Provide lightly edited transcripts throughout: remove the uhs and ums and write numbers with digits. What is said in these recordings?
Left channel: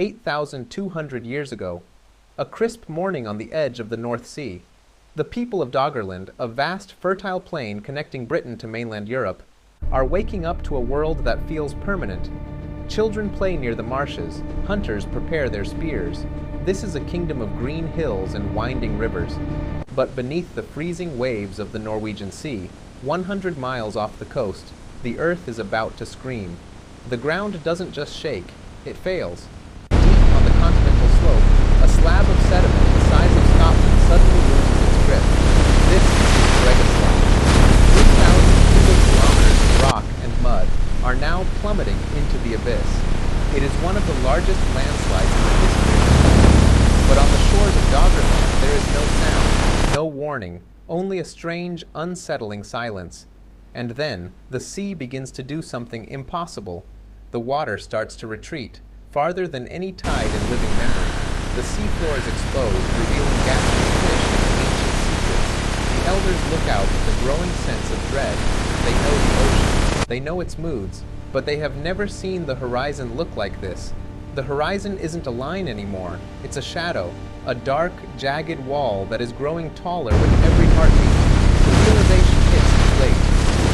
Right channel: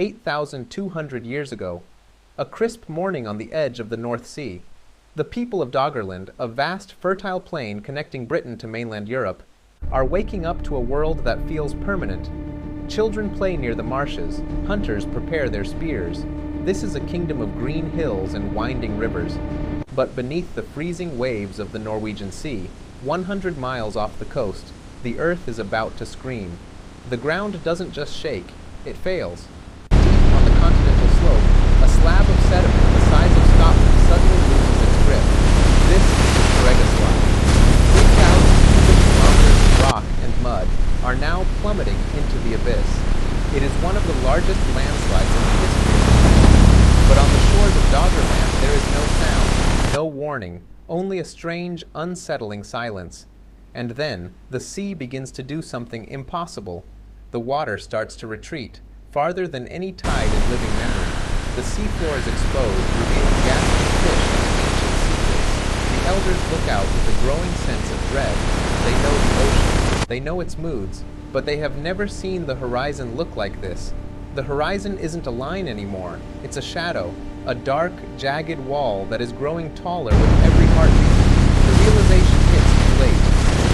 8,200 years ago. A crisp morning on the edge of the North Sea. The people of Doggerland, a vast, fertile plain connecting Britain to mainland Europe, are waking up to a world that feels permanent. Children play near the marshes, hunters prepare their spears. This is a kingdom of green hills and winding rivers. But beneath the freezing waves of the Norwegian Sea, 100 miles off the coast, the earth is about to scream. The ground doesn't just shake, it fails. Deep on the continental slope, a slab of sediment the size of Scotland suddenly loses its grip. This is the Storegga Slide. 3,000 cubic kilometers of rock and mud are now plummeting into the abyss. It is one of the largest landslides in the history of the planet. But on the shores of Doggerland there is no sound, no warning, only a strange, unsettling silence. And then, the sea begins to do something impossible. The water starts to retreat, farther than any tide in living memory. The seafloor is exposed, revealing gasping fish and ancient secrets. The elders look out with a growing sense of dread. They know the ocean, they know its moods, but they have never seen the horizon look like this. The horizon isn't a line anymore, it's a shadow, a dark, jagged wall that is growing taller with every heartbeat. The realization hits too late.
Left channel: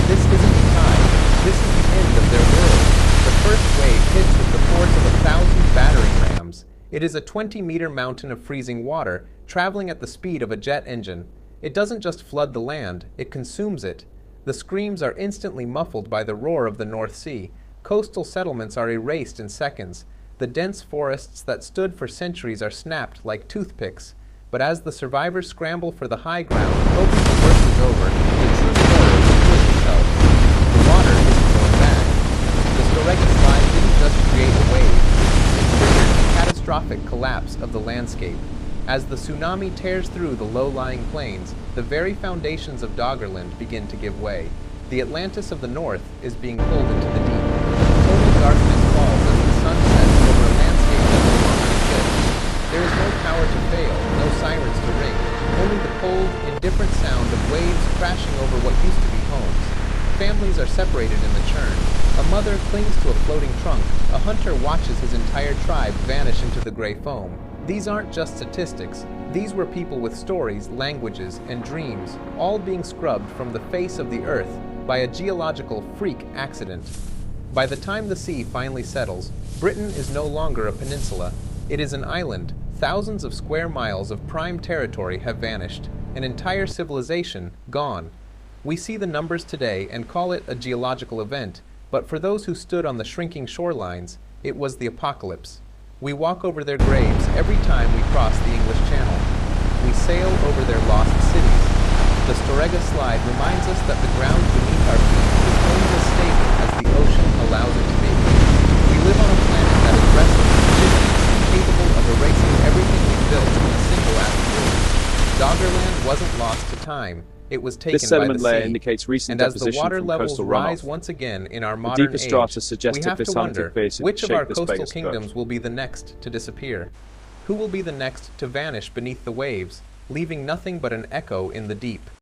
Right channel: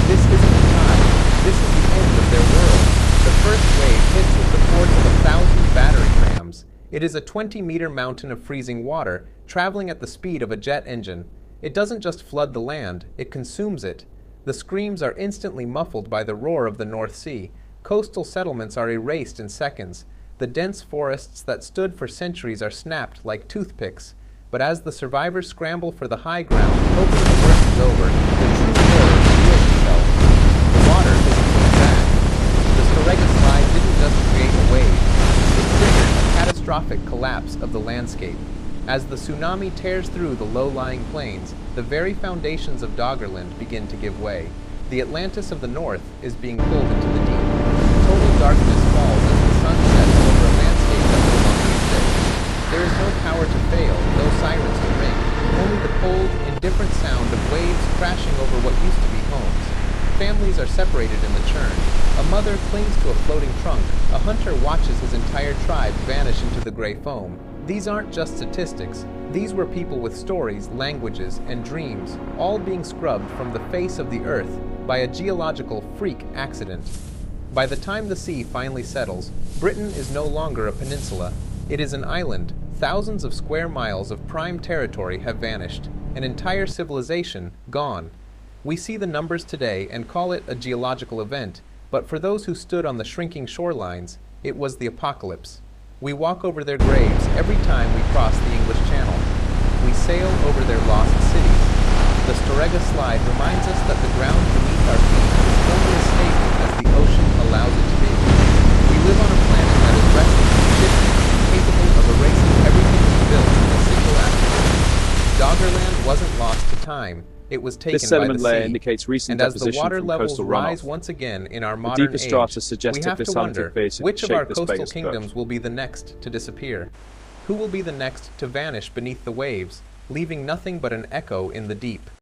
This isn't a tide, this is the end of their world. The first wave hits with the force of 1,000 battering rams. It is a 20-meter mountain of freezing water, traveling at the speed of a jet engine. It doesn't just flood the land, it consumes it. The screams are instantly muffled by the roar of the North Sea. Coastal settlements are erased in seconds. The dense forests that stood for centuries are snapped like toothpicks. But as the survivors scramble for the high ground, hoping the worst is over, the true horror reveals itself. The water isn't going back. The Storegga Slide didn't just create a wave. It triggered a catastrophic collapse of the landscape. As the tsunami tears through the low-lying plains, the very foundations of Doggerland begin to give way. The Atlantis of the north is being pulled into the deep. Total darkness falls as the sun sets over a landscape that no longer exists. There is no power to fail, no sirens to ring, only the cold, indifferent sound of waves crashing over what used to be homes. Families are separated in the churn. A mother clings to a floating trunk. A hunter watches his entire tribe vanish into the gray foam. These aren't just statistics. These were people with stories, languages, and dreams, all being scrubbed from the face of the earth by a geological freak accident. By the time the sea finally settles, Britain is no longer a peninsula. It is an island. Thousands of square miles of prime territory have vanished. An entire civilization gone. We see the numbers today and call it a geological event, but for those who stood on the shrinking shorelines, it was the apocalypse. We walk over their graves every time we cross the English Channel. We sail over their lost cities. The Storegga Slide reminds us that the ground beneath our feet is only as stable as the ocean allows it to be. We live on a planet that is restless, shifty, and capable of erasing everything we've built in a single afternoon. Doggerland wasn't lost to time. It was taken by the sea, indicates recent and as the deposition water from levels coastal rise runoff. once again in our The modern deepest age, strata suggest we a have to basaltic wonder basin which of shaped our this coastal base kingdoms curve. will be the next to disappear. Who will be the next to vanish beneath the waves, leaving nothing but an echo in the deep?